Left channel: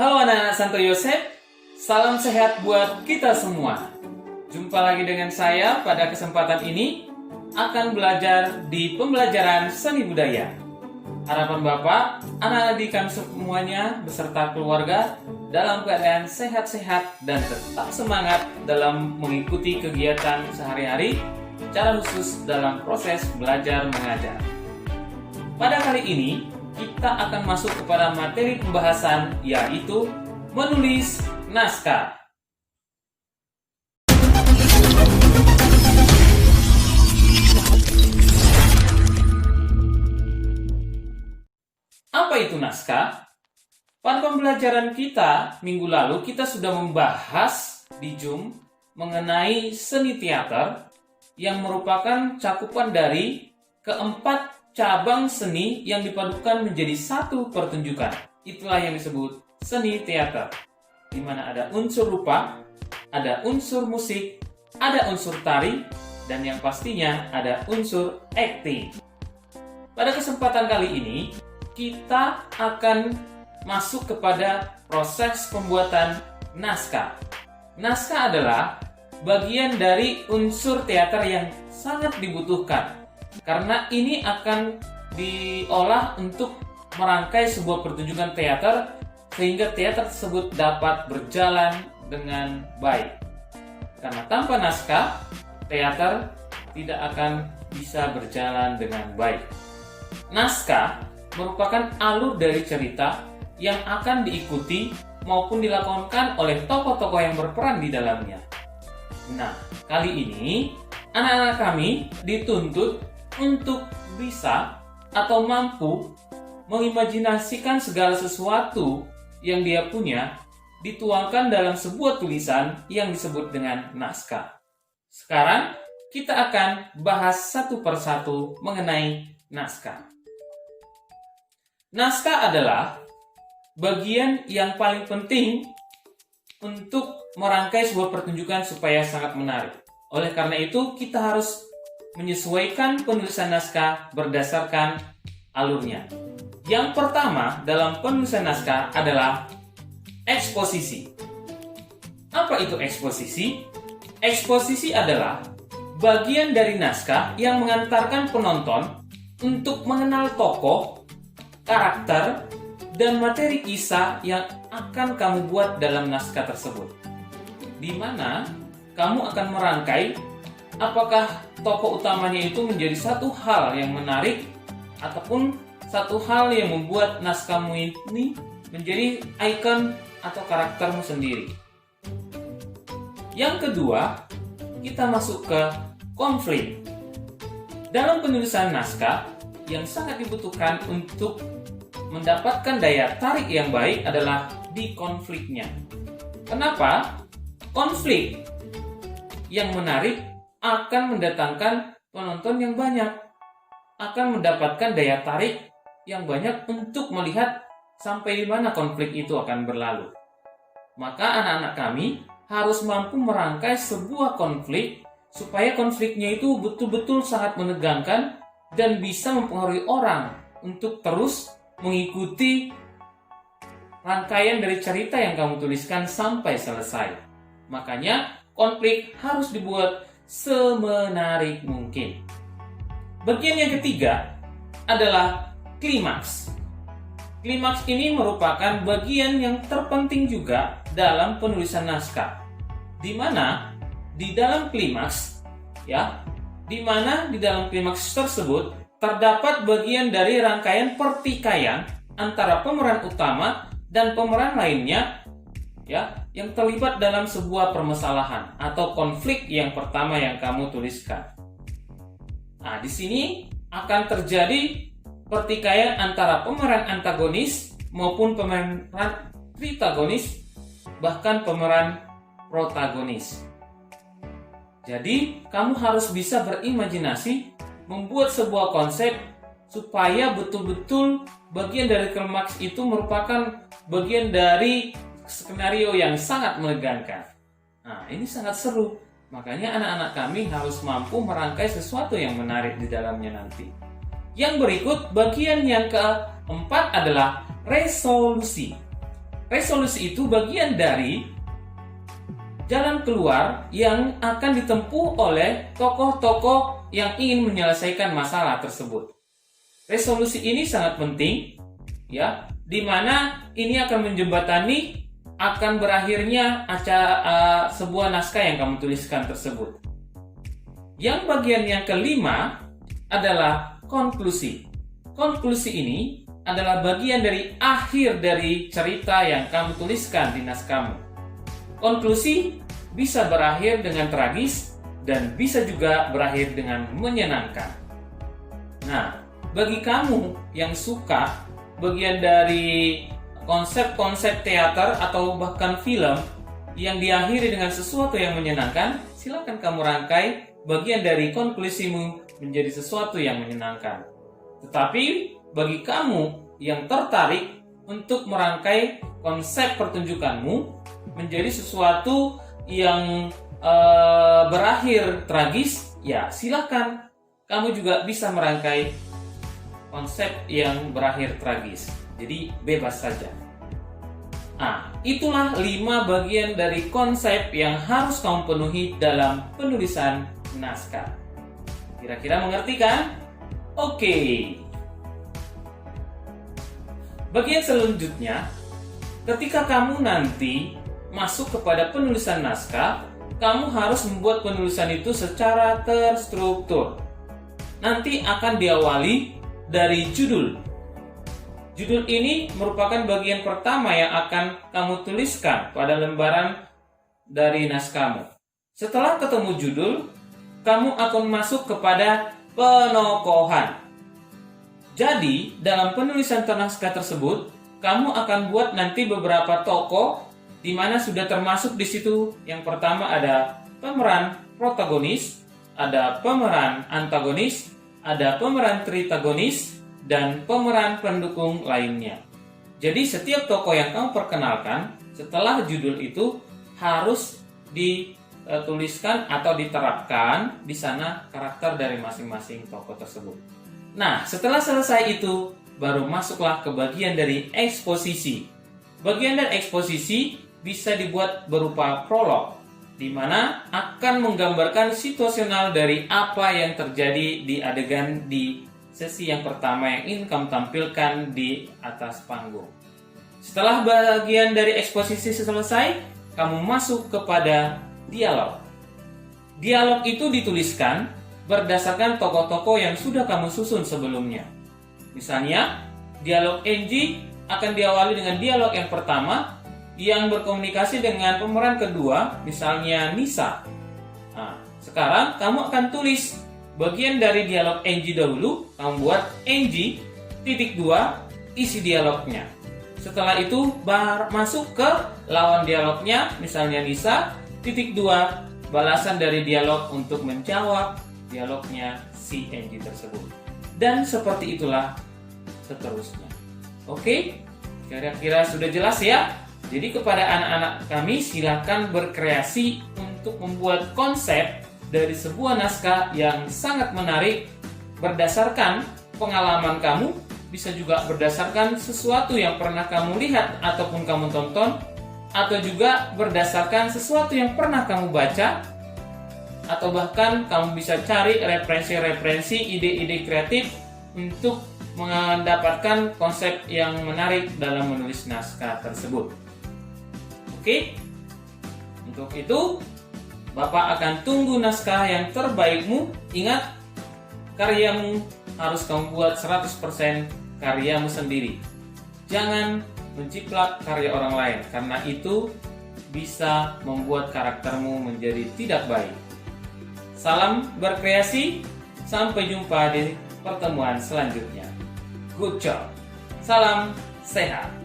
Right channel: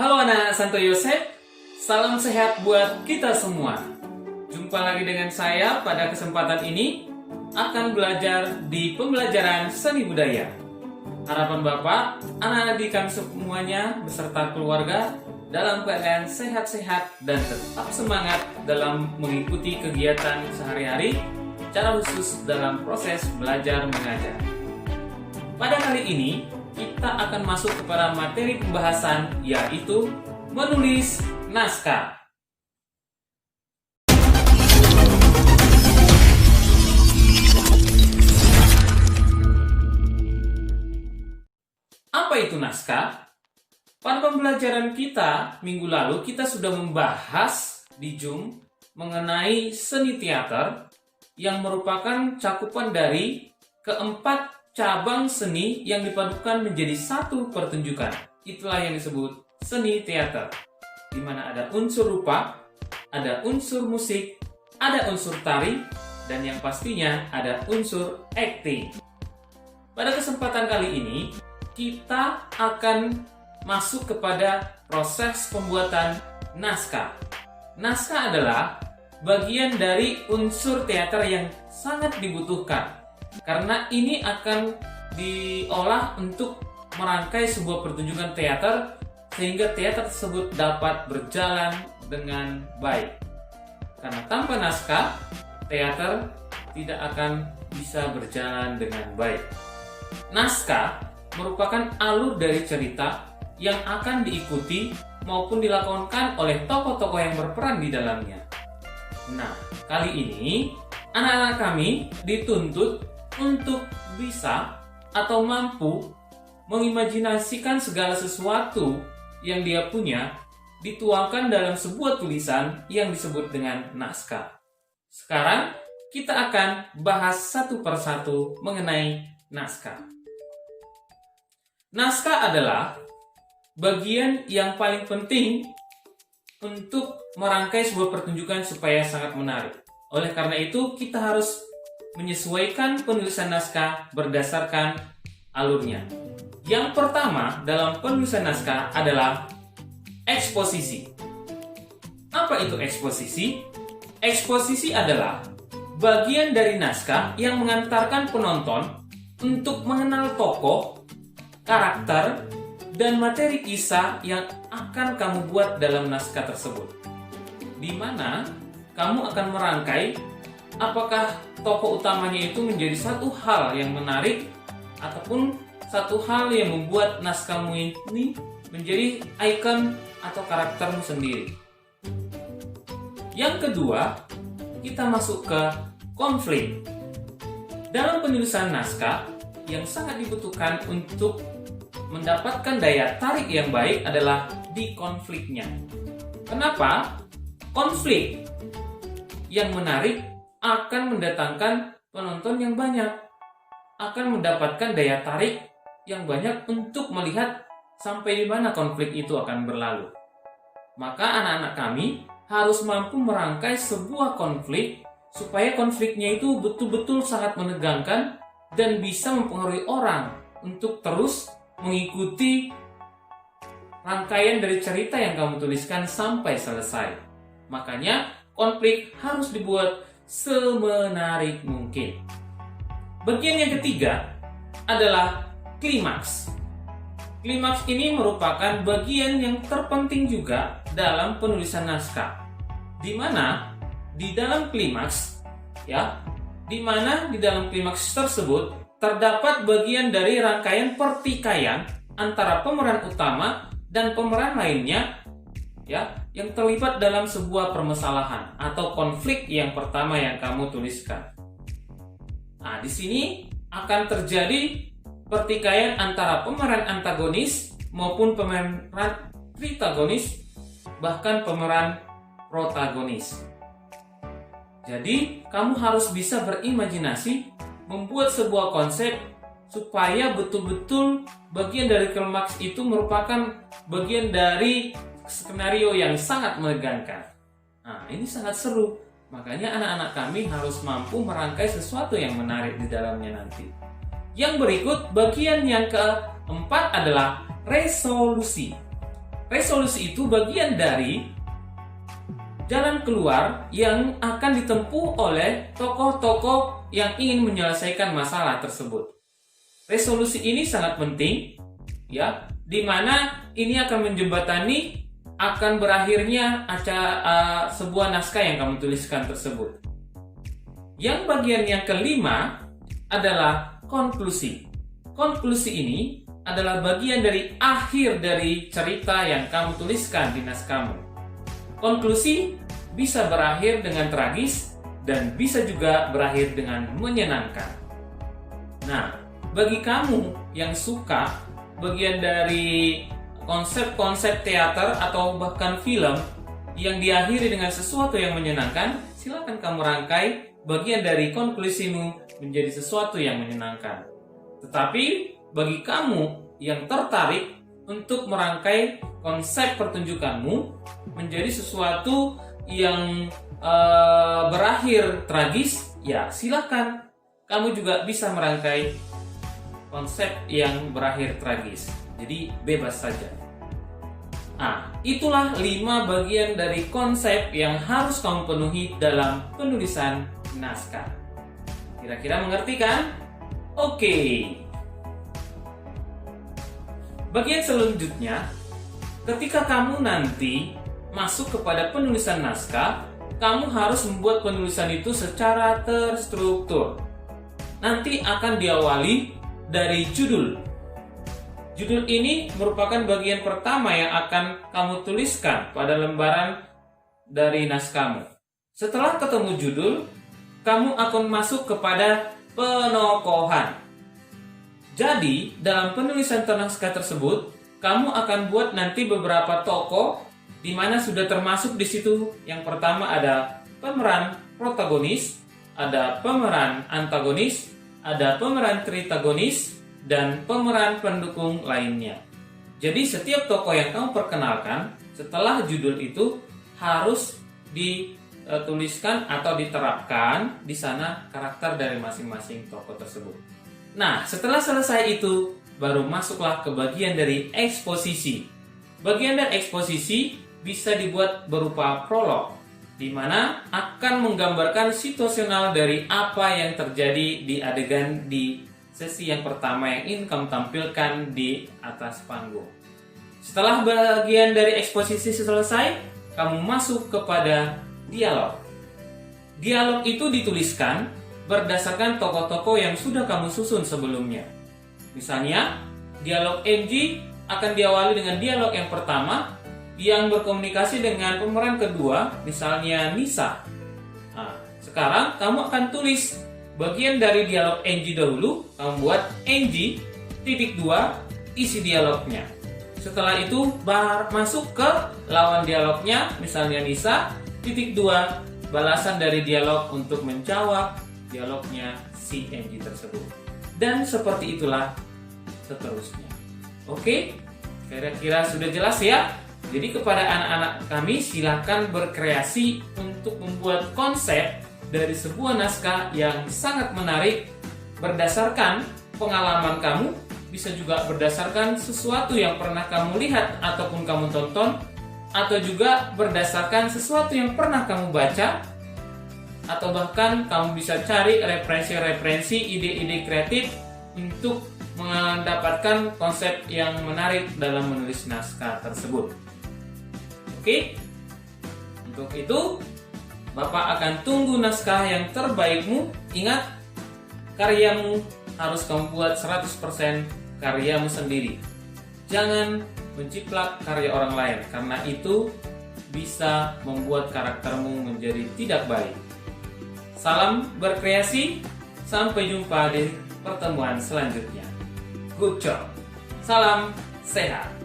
Halo anak-anak Santo Yosef, salam sehat buat kita semua. Jumpa lagi dengan saya pada kesempatan ini akan belajar di pembelajaran seni budaya. Harapan Bapak, anak-anak di kami semuanya beserta keluarga dalam keadaan sehat-sehat dan tetap semangat dalam mengikuti kegiatan sehari-hari, secara khusus dalam proses belajar mengajar. Pada kali ini, kita akan masuk kepada materi pembahasan, yaitu menulis naskah. Apa itu naskah? Pada pembelajaran kita minggu lalu, kita sudah membahas di Zoom mengenai seni teater yang merupakan cakupan dari keempat cabang seni yang dipadukan menjadi satu pertunjukan. Itulah yang disebut seni teater, di mana ada unsur rupa, ada unsur musik, ada unsur tari, dan yang pastinya ada unsur acting. Pada kesempatan kali ini, kita akan masuk kepada proses pembuatan naskah. Naskah adalah bagian dari unsur teater yang sangat dibutuhkan, karena ini akan diolah untuk merangkai sebuah pertunjukan teater sehingga teater tersebut dapat berjalan dengan baik. Karena tanpa naskah, teater tidak akan bisa berjalan dengan baik. Naskah merupakan alur dari cerita yang akan diikuti maupun dilakonkan oleh tokoh-tokoh yang berperan di dalamnya. Nah, kali ini anak-anak kami dituntut untuk bisa atau mampu mengimajinasikan segala sesuatu yang dia punya dituangkan dalam sebuah tulisan yang disebut dengan naskah. Sekarang kita akan bahas satu persatu mengenai naskah. Naskah adalah bagian yang paling penting untuk merangkai sebuah pertunjukan supaya sangat menarik. Oleh karena itu, kita harus menyesuaikan penulisan naskah berdasarkan alurnya. Yang pertama dalam penulisan naskah adalah eksposisi. Apa itu eksposisi? Eksposisi adalah bagian dari naskah yang mengantarkan penonton untuk mengenal tokoh, karakter, dan materi kisah yang akan kamu buat dalam naskah tersebut, di mana kamu akan merangkai apakah tokoh utamanya itu menjadi satu hal yang menarik ataupun satu hal yang membuat naskahmu ini menjadi ikon atau karaktermu sendiri. Yang kedua, kita masuk ke konflik. Dalam penulisan naskah, yang sangat dibutuhkan untuk mendapatkan daya tarik yang baik adalah di konfliknya. Kenapa? Konflik yang menarik akan mendatangkan penonton yang banyak, akan mendapatkan daya tarik yang banyak untuk melihat sampai di mana konflik itu akan berlalu. Maka anak-anak kami harus mampu merangkai sebuah konflik supaya konfliknya itu betul-betul sangat menegangkan dan bisa mempengaruhi orang untuk terus mengikuti rangkaian dari cerita yang kamu tuliskan sampai selesai. Makanya konflik harus dibuat semenarik mungkin. Bagian yang ketiga adalah klimaks. Klimaks ini merupakan bagian yang terpenting juga dalam penulisan naskah, di mana di dalam klimaks tersebut terdapat bagian dari rangkaian pertikaian antara pemeran utama dan pemeran lainnya yang terlibat dalam sebuah permasalahan atau konflik yang pertama yang kamu tuliskan. Nah, di sini akan terjadi pertikaian antara pemeran antagonis maupun pemeran tritagonis, bahkan pemeran protagonis. Jadi, kamu harus bisa berimajinasi membuat sebuah konsep supaya betul-betul bagian dari klimaks itu merupakan bagian dari skenario yang sangat menegangkan. Nah, ini sangat seru. Makanya anak-anak kami harus mampu merangkai sesuatu yang menarik di dalamnya nanti. Yang berikut, bagian yang keempat adalah resolusi. resolusi itu bagian dari jalan keluar yang akan ditempuh oleh tokoh-tokoh yang ingin menyelesaikan masalah tersebut. Resolusi ini sangat penting, ya, di mana ini akan menjembatani akan berakhirnya sebuah naskah yang kamu tuliskan tersebut. Yang bagian yang kelima adalah konklusi. Konklusi ini adalah bagian dari akhir dari cerita yang kamu tuliskan di naskahmu. Konklusi bisa berakhir dengan tragis dan bisa juga berakhir dengan menyenangkan. Nah, bagi kamu yang suka bagian dari konsep-konsep teater atau bahkan film yang diakhiri dengan sesuatu yang menyenangkan, silakan kamu rangkai bagian dari konklusimu menjadi sesuatu yang menyenangkan. Tetapi bagi kamu yang tertarik untuk merangkai konsep pertunjukanmu menjadi sesuatu yang berakhir tragis, ya silakan kamu juga bisa merangkai konsep yang berakhir tragis. Jadi bebas saja. Nah, itulah 5 bagian dari konsep yang harus kamu penuhi dalam penulisan naskah. Kira-kira mengerti kan? Oke. Bagian selanjutnya, ketika kamu nanti masuk kepada penulisan naskah, kamu harus membuat penulisan itu secara terstruktur. Nanti akan diawali dari judul. Judul ini merupakan bagian pertama yang akan kamu tuliskan pada lembaran dari naskahmu. Setelah ketemu judul, kamu akan masuk kepada penokohan. Jadi, dalam penulisan naskah tersebut, kamu akan buat nanti beberapa tokoh di mana sudah termasuk di situ. Yang pertama ada pemeran protagonis, ada pemeran antagonis, ada pemeran tritagonis, dan pemeran pendukung lainnya. Jadi setiap tokoh yang kamu perkenalkan setelah judul itu harus dituliskan atau diterapkan di sana karakter dari masing-masing tokoh tersebut. Nah, setelah selesai itu, baru masuklah ke bagian dari eksposisi. Bagian dari eksposisi bisa dibuat berupa prolog, di mana akan menggambarkan situasional dari apa yang terjadi di adegan di sesi yang pertama yang ingin kamu tampilkan di atas panggung. Setelah bagian dari eksposisi selesai, kamu masuk kepada dialog. Dialog itu dituliskan berdasarkan tokoh-tokoh yang sudah kamu susun sebelumnya. Misalnya, dialog Angie akan diawali dengan dialog yang pertama yang berkomunikasi dengan pemeran kedua, misalnya Nisa. Nah, sekarang kamu akan tulis bagian dari dialog Angie dahulu, kamu buat Angie, titik 2, isi dialognya. Setelah itu masuk ke lawan dialognya, misalnya Nisa, titik 2, balasan dari dialog untuk menjawab dialognya si Angie tersebut. Dan seperti itulah seterusnya. Oke, kira-kira sudah jelas ya? Jadi kepada anak-anak kami silakan berkreasi untuk membuat konsep dari sebuah naskah yang sangat menarik berdasarkan pengalaman kamu, bisa juga berdasarkan sesuatu yang pernah kamu lihat ataupun kamu tonton, atau juga berdasarkan sesuatu yang pernah kamu baca, atau bahkan kamu bisa cari referensi-referensi, ide-ide kreatif untuk mendapatkan konsep yang menarik dalam menulis naskah tersebut. Oke, untuk itu Bapak akan tunggu naskah yang terbaikmu. Ingat, karyamu harus kamu buat 100% karyamu sendiri. Jangan menciplak karya orang lain, karena itu bisa membuat karaktermu menjadi tidak baik. Salam berkreasi, sampai jumpa di pertemuan selanjutnya. Good job. Salam sehat.